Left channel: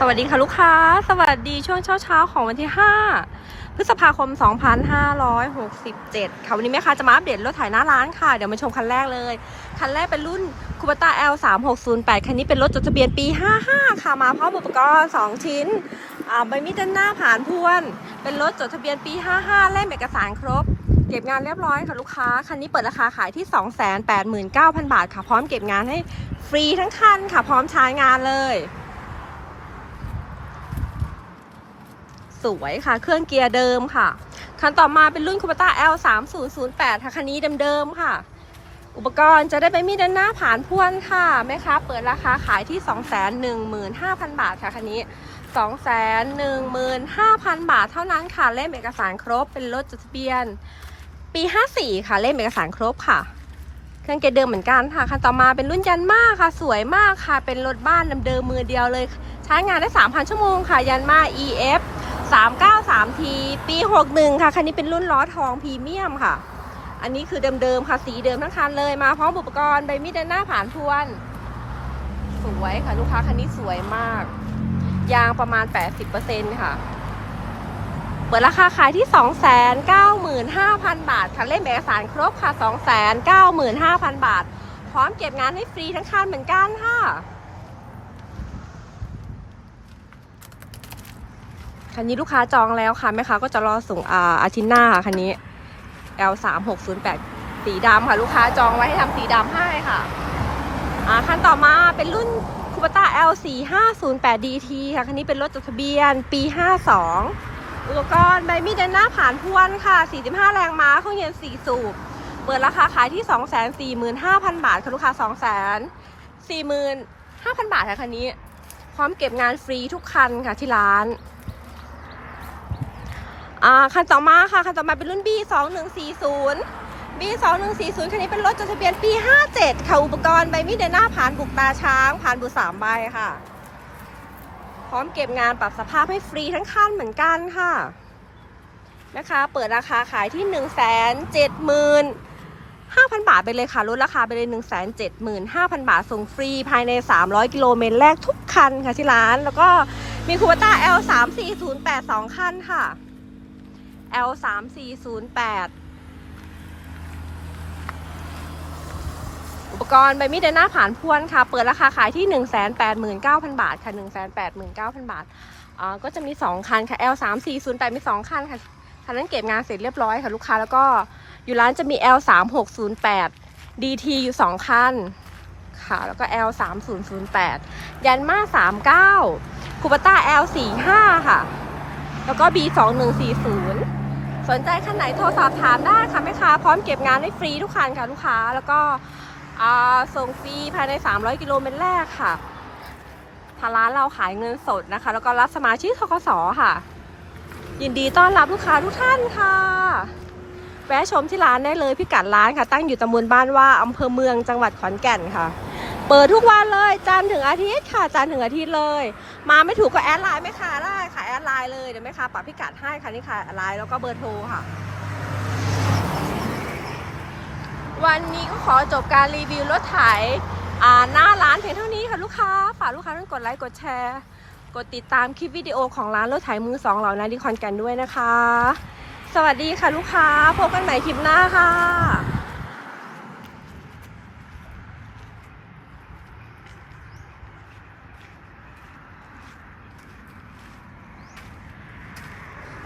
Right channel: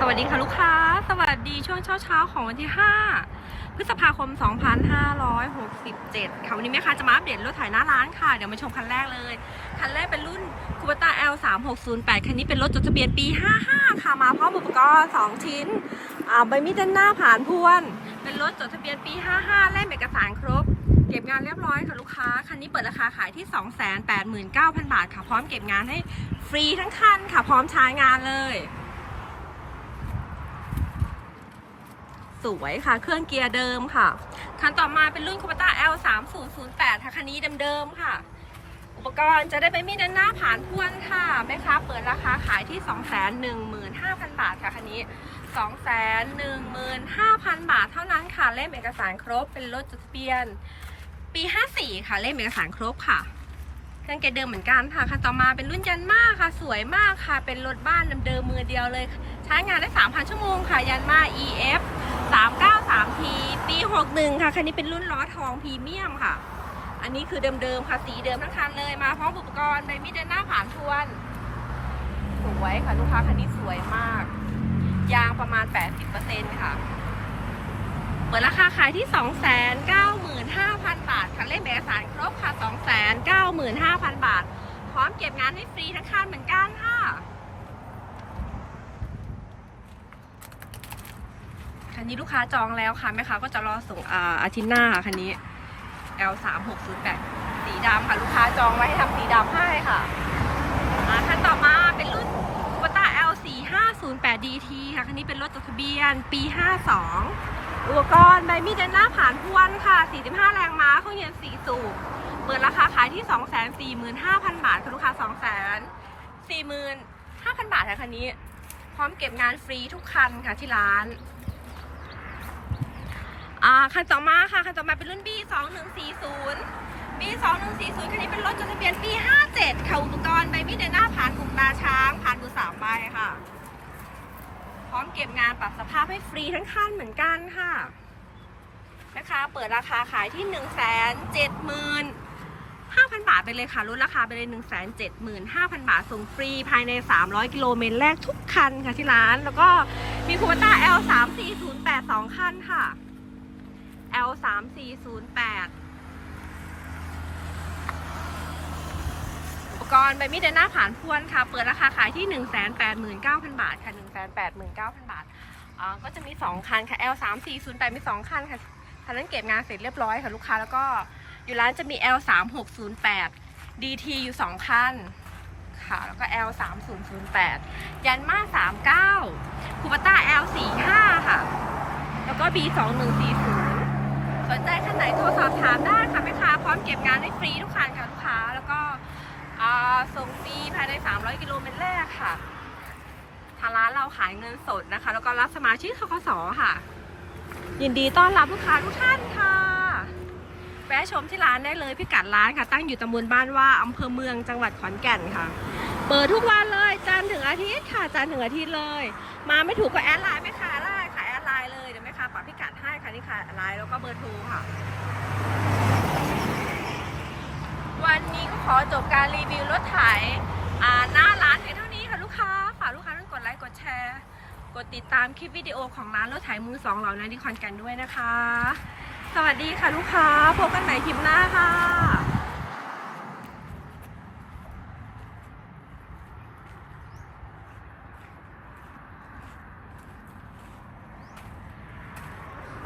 สวัสดีค่ะลูกค้า สวัสดีช่วงเช้าเช้าๆของวันที่ 5 พฤษภาคม 2567 ค่ะ วันนี้แม่ค้าจะมาอัปเดตรถถ่ายหน้าร้านค่ะ เดี๋ยวมาชมคันแรกเลย คันแรกเป็นรุ่นคูปต้า L 3 6 0 8คันนี้เป็นรถจดทะเบียนปี 55 ค่ะ มาพร้อมอุปกรณ์ 2 ชิ้นอ่าใบมีดด้านหน้าผ่านพวน เป็นรถจดทะเบียนปี 55 เล่มเอกสารครบ เก็บงานเรียบร้อยค่ะลูกค้า คันนี้เปิดราคาขายที่ 289,000 บาทค่ะ พร้อมเก็บงานให้ฟรีทั้งคันค่ะ พร้อมใช้งานเลย วยค่ะ เครื่องเกียร์เดิมค่ะ คันต่อมาเป็นรุ่นคูปต้า L 3 0 0 8ค่ะคันนี้เดิมๆค่ะ อุปกรณ์จะได้ไปมีด้านหน้าผ่านพ่วนค่ะแม่ค้าเปิดราคาขายที่ 215,000 บาทค่ะคันนี้ 215,000 บาทเท่านั้นค่ะเล่มเอกสารครบเป็นรถจดทะเบียน ปี 54 ค่ะเล่มเอกสารครบค่ะเครื่องเกียร์เดิมเหมือนกันค่ะคันต่อมาเป็นรุ่นยันมาค่ะ สวยมากค่ะ เป็นรถบ้านเดิมๆมือเดียวเลย ใช้งานได้ 3,000 ชั่วโมงค่ะ ยันมา EF 393 T ปี 61 ค่ะ คันนี้เป็นรุ่นล้อทองพรีเมียมค่ะ อันนี้คือเดิมๆค่ะ สีเดิมทั้งคันเลยมาพร้อมอุปกรณ์ใบมีดหน้าผ่านทวน สวยค่ะ ลูกค้าคันนี้สวยมาก ยางประมาณ 80%ค่ะ เปิดราคาขายที่ 295,000 บาท ค่ะเล่มเอกสารครบค่ะ 295,000 บาท พร้อมเก็บงานให้ฟรีทั้งคันเหมือนกันค่ะ คันนี้ลูกค้าจองแล้วค่ะแม่ค้าก็จะรอส่งอาอาทิตย์หน้าค่ะคันนี้ L 3 6 0 8สีดำค่ะ ลูกค้าจองไว้ให้ทำสีดำให้ค่ะอ่าคันต่อมาเป็นรุ่นคูปต้า L 4 5 0 8 DT ค่ะคันนี้เป็นรถจดทะเบียนปี52อุปกรณ์ใบมีดด้านหน้าผ่านพวนค่ะ45แรงม้าเครื่องยนต์4สูบเปิดราคาขายที่245,000บาทค่ะลูกค้า245,000บาทค่ะคันนี้ พร้อมเก็บงานฟรีทุกคันค่ะที่ร้าน อ่าคันต่อมาค่ะคันต่อมาเป็นรุ่น B 2 1 4 0 B 2 1 4 0คันนี้เป็นรถจดทะเบียนปี 57 ค่ะอุปกรณ์ใบมีดเดินหน้าผ่านกุกตาช้าง ผ่านบุสามใบค่ะ พร้อมเก็บงานปรับสภาพให้ฟรีทั้งคันเหมือนกันค่ะ นะคะ เปิดราคาขายที่ 1 7 0 0 0 5,000 บาทไปเลยค่ะลดราคาไปเลย 1 7 5 0 0 0 บาท ส่งฟรีภายใน 300 กิโลเมตรแรกทุกคันค่ะที่ร้าน แล้วก็มีคูปต้า L 3 4 0 8 2คันค่ะ L 3 4 0 8อุปกรณ์ใบมีดเดนหน้าผ่านพวนค่ะ เปิดราคาขายที่ 189,000 บาทค่ะ 189,000 บาทอ่าก็จะมี 2 คันค่ะ L 3 4 0 8มี 2 คันค่ะคันนั้นเก็บงานเสร็จเรียบร้อยค่ะลูกค้าแล้วก็อยู่ร้านจะมี L 3 6 0 8 DT อยู่ 2 คันค่ะแล้วก็ L 3 0 0 8ยันมา39คูปต้า L 4 5ค่ะ แล้วก็ B 2 1 4 0 สนใจคันไหนโทรสอบถามได้ค่ะแม่ค้าพร้อมเก็บงานให้ฟรีทุกคันค่ะลูกค้าแล้วก็ส่งฟรีภายใน 300 กิโลเมตรแรกค่ะทางร้านเราขายเงินสดนะคะ แล้วก็รับสมาชิกทกสค่ะ ยินดีต้อนรับลูกค้าทุกท่านค่ะ แวะชมที่ร้านได้เลยพิกัดร้านค่ะ ตั้งอยู่ตำบลบ้านว่าอำเภอเมืองจังหวัดขอนแก่นค่ะ เปิดทุกวันเลยจันทร์ถึงอาทิตย์ค่ะจันทร์ถึงอาทิตย์เลย มาไม่ถูกก็แอดไลน์ไม่ค่ะได้ค่ะแอดไลน์เลยเดี๋ยวแม่ค้าปรับพิกัดให้ค่ะนี่ค่ะไลน์แล้วก็เบอร์โทรค่ะ วันนี้ก็ขอจบการรีวิวรถไถอ่าหน้าร้านเพียงเท่านี้ค่ะลูกค้าฝากลูกค้าต้องกดไลค์กดแชร์กดติดตามคลิปวิดีโอของร้านรถไถมือสองเหล่านั้นที่คอนกันด้วยนะคะ สวัสดีค่ะลูกค้าพบกันใหม่คลิปหน้าค่ะ